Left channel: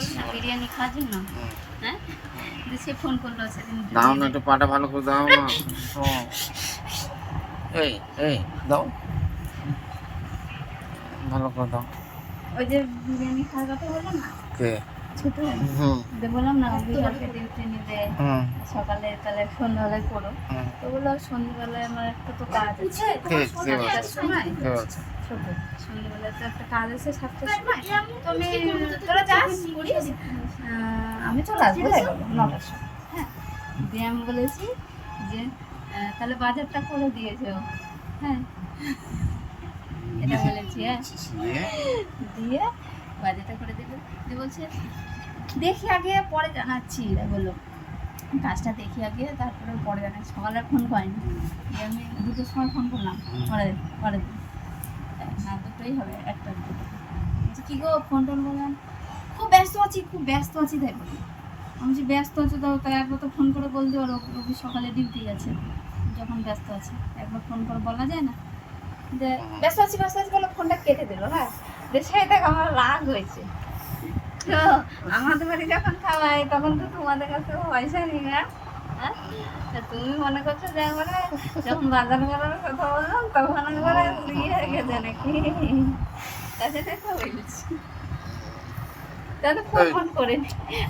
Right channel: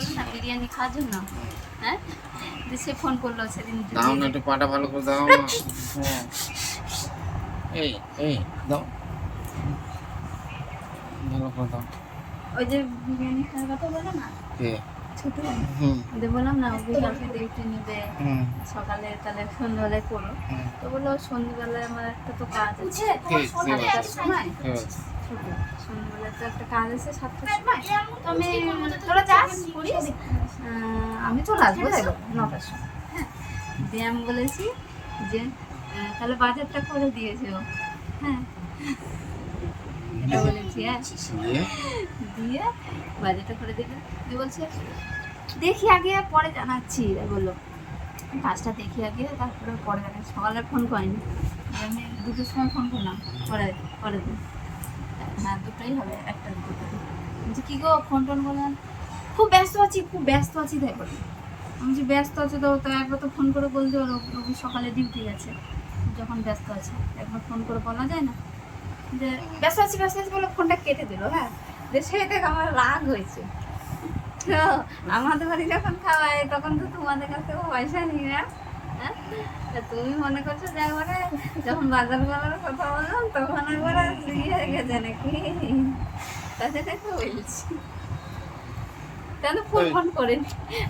করবে না? বিরিয়ানি খাওয়ার জন্য? হ্যাঁ? সে ফোন করল সেদিন দাও না একটু পাটা ভালো করে দাও না। এই এই দাও। ভালো করে দাও। ওই যে বিরিয়ানি খাওয়ার কথা বলল না? কে? ছোট। দিয়ে বললাম না বিকালকে ডিউটি নেবে। সকালে তাহলে সন্ধ্যাবেলায় করো। তো বলল সন্ধ্যাবেলায় আমার একটা তো কাজ আছে। সাতটার সময়। ছোট সন্ধ্যাবেলায় তো একটা কাজ আছে সাতটার সময়। তো আমি তোরা যাস করিস। আমি চলে আসব নটার সময়। হ্যাঁ। দিয়ে আমি বলেছি যে তাহলে বাজারটা করে দিয়েছে হ্যাঁ। এটা বলেছি হ্যাঁ। দিয়ে দিয়ে বাজারটা করে দেবে দিয়ে বলছে, দেখি আগে, পরে জানাচ্ছি। বলল, কাজটা দেখি আগে, তারপরে পরে জানাচ্ছি। সকালে ফোন করেনি। আমি দুটোর সময় ফোন করলাম, পরে পরে দিন। হ্যাঁ দুটোই হবে, একটা বলছি, কী গো ফোন টোন করলেন খুব ব্যস্ত আছি, খুব ব্যস্ত আছি, তাই বলি। আমি যে ব্যস্ত আছো তো? তাই একবার তো ফোন করে বলতে পারো, রবি সকালে ডিউটি আছে যখন ব্যস্ত আছে। একবার ফোন করে বলা যায় না? যে, ব্যস্ত আছি ব্যস্ত আছি, বলে ফোনটা কেটে দিল হ্যাঁ। যে সেটাকে আমার রাগ হয়েছে। তো আমাদের বাড়ি যখন খাওয়াই তখন তো তোমাদের কাছ পয়সা নিই না। হ্যাঁ? তুমি মনে করছ যে একবারে যখন বাজার করার কথা বললাম তখন একবারে ইয়ে হয়ে গেছে নাকি? তাছাড়া তো বলছি তাহলে ফোন ফোন করে।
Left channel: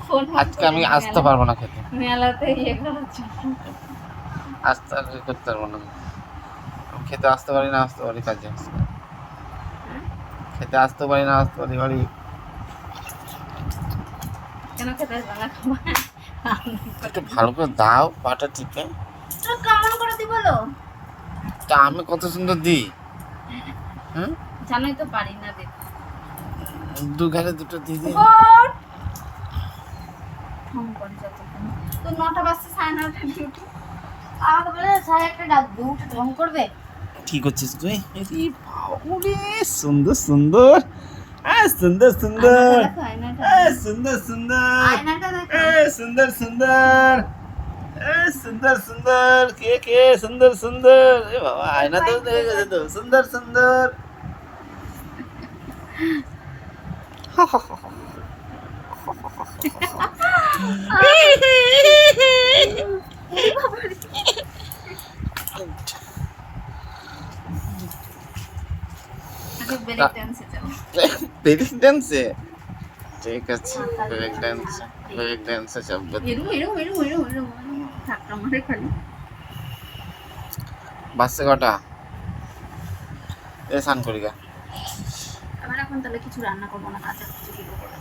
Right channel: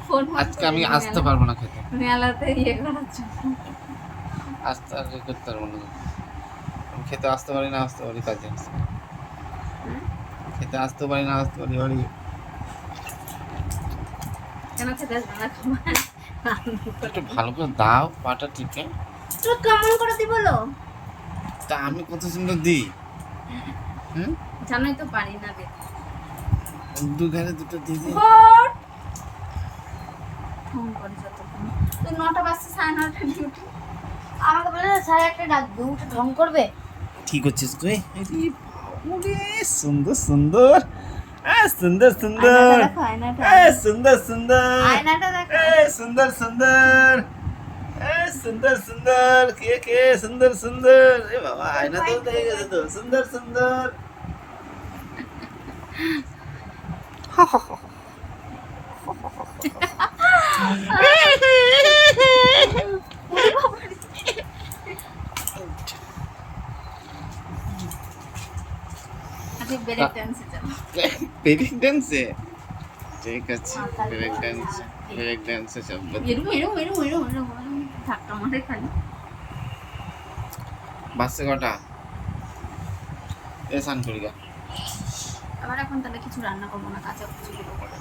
ফোন আজকে আমি আসতে পারব না খেতে। মেলাতে ইয়ে করার জন্য। আসতে করতে পারব না। আমি খেতে আসতে পারি না আসতে পারি কাজে। হ্যাঁ? খেতে আসতে পারি না আসতে পারি বাড়ি কেন খেতে একটু ভালো করে দাও পাটা টিপে। কেমন করে দি বলো। তা আমি কত সুন্দর দিই। হুম? জানোই তো পারি না রে দু ঘাড়ে দুটো দিয়ে দিই। ফোন করে যতক্ষণ। তো নটা বাজছে সাড়ে নটা ডিউটি। আমাকে বলে সাড়ে একটা ডাকবো ঢং করবে? কি করছিস তুই? আরে বাবুরে সুন্দর সুন্দর আহ সুন্দর সুন্দর আয়নাটা দেখো আয়নাটা আহ সুন্দর সুন্দর আয়নাটা দেখো আহ সুন্দর সুন্দর আহ সুন্দর সুন্দর কে কে সুন্দর সুন্দর এ বাবা আয়না তো দেখে গেছে তো সুন্দর সুন্দর আজকে ব্রেক ডান্সে ব্রেক ডান্সে ঠিক আছে ব্রেক ড্যান্সে ব্রেক ড্যান্সে যাব। এরু এরু এরু এরু এরু থাকতো আমাদের খালি। বাসে কটা? এ সান করি গা। আমার এখন তাহলে কিছু রান্না করব না কাঁচা কিছু করে।